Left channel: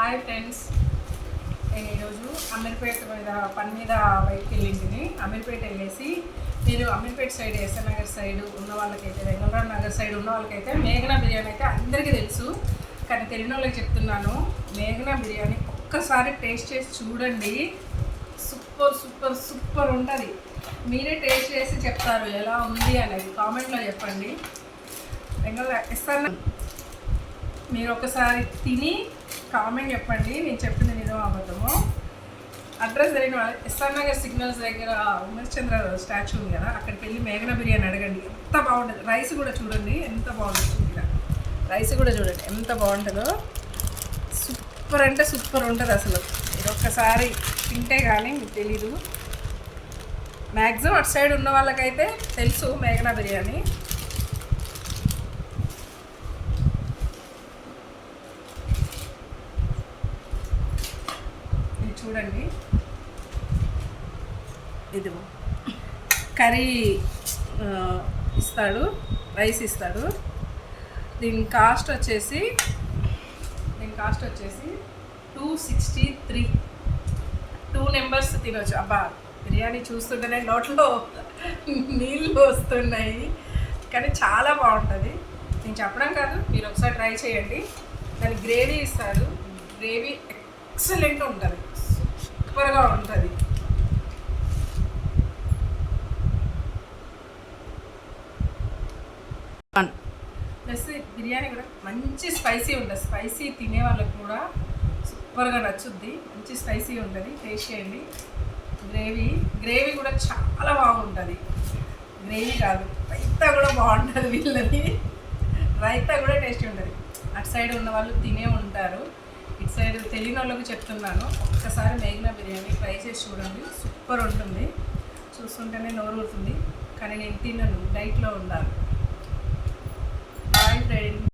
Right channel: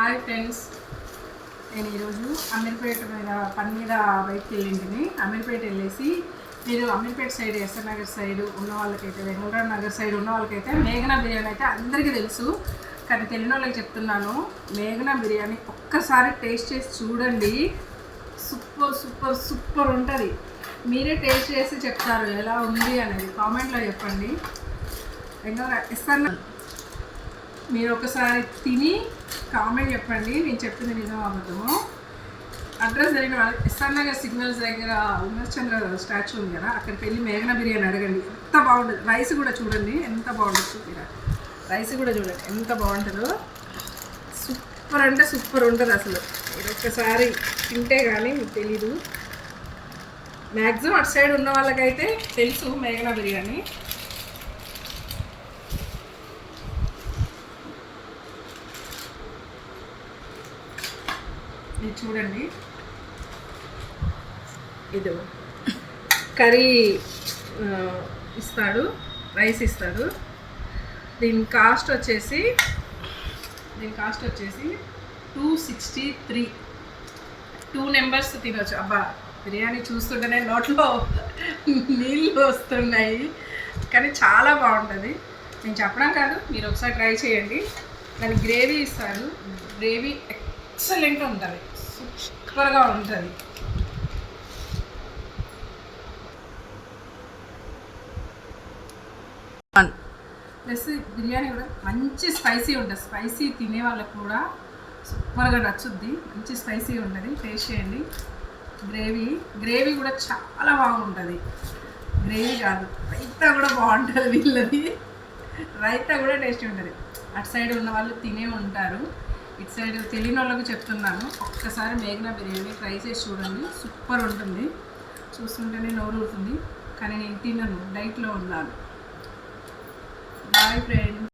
Hi friends, నేను ఈరోజు అమీర్పేట మీద పని మీద బయటకు వెళ్ళింటిని. అమీర్పేట వెళ్ళేసి మీరు అమీర్పేట సైడ్, ఎస్ఆర్ నగర్ సైడ్ ఉన్న వాళ్ళకైతే, వెంగళరావు నగర్ సైడ్ ఉన్న వాళ్ళకైతే మేఘనా బిర్యానీ అయితే అందరికీ తెలుసు. కానీ తెలియని వాళ్ళకి చెప్తున్నాను, మేఘనా బిర్యానీ ఒక్కసారి టేస్ట్ చేసి చూడండి. సూపర్ సూపర్ సూపర్ ఉంటుంది. మీరే టేస్ట్ చేసి చెప్తారు ఎలా ఉంది అనేది. కామెంట్లో చెప్పండి. ఎస్ఆర్ మీరు ఒకసారి తిని కామెంట్ చెప్పండి, నేను చెప్పింది నిజం అబద్ధము. అడ్రస్ జరిగిన ఎస్ఆర్ నగర్ సిగ్నల్స్ దగ్గర ఉమేష్ చంద్ర స్టాచ్యూ ఉంది కదా, అక్కడికి వెళ్ళి మేఘనా బిర్యానీ అడగండి. ఎంత బాగుంటుంది. రైస్ కూడా చూడండి ఎంత బాగుంటుంది. రైస్ కూడా చూడండి ఎంత బాగుంటుందో. సూపర్ అంటే సూపర్ ఉంటుంది అసలు. ఇది ఒక్కసారి తింటే కానీ మీకు తెలీదు. మ్యాక్సిమం అటు సైడ్ ఉన్న వాళ్ళకైతే తెలుసు మేఘనా బిర్యానీ. ఇది చూడండి, ఇది కర్రీ ఇస్తాడు, రైస్ ఇస్తాడు. దీని కాస్ట్ వచ్చేసి 263. 2 మెంబర్స్ తినవచ్చు. అబ్బా, బిర్యానీ చూస్తుంటేనే నోట్లో నీళ్ళు వస్తున్నాయి, కానీ చాలా బాగుంటుంది. నేను చెప్పడం కాదు, మీరు ఒకసారి ట్రై చేయండి. దాని గ్రేవీ ఇస్తాడు. గ్రేవీ ఎక్సలెంట్ ఉంటుంది, సూపర్గా ఉంటుంది. ప్లస్ బిర్యానీ కూడా మంచి స్పైసీ ఉంటుంది. స్పైసీ తినే వాళ్ళకు కూడా సూపర్గా నచ్చుద్ది. మంచి స్పైసీ ఉంటుంది. టేస్ట్ చేయండి. గ్రేవీ కూడా చాలా బాగుంటుంది. గ్రేవీ కాదు, రైతా కూడా బాగుంటుంది. వీళ్ళది రైతా కూడా టేస్టీ ఉంటుంది. అటు సైడ్ ఉన్న వాళ్ళు తినే ఉంటారు. ఇటు సైడ్ తెలియని వాళ్ళకు చెప్తున్నాను, ఒక్కసారి మేఘనా బిర్యానీ ట్రై చేసి చూడండి. సూపర్ ఉంటుంది. చూస్తుంటేనే నోరు ఊరుతుంది, కానీ నేను తినను, డైట్లో ఉన్నాను. Boy friend.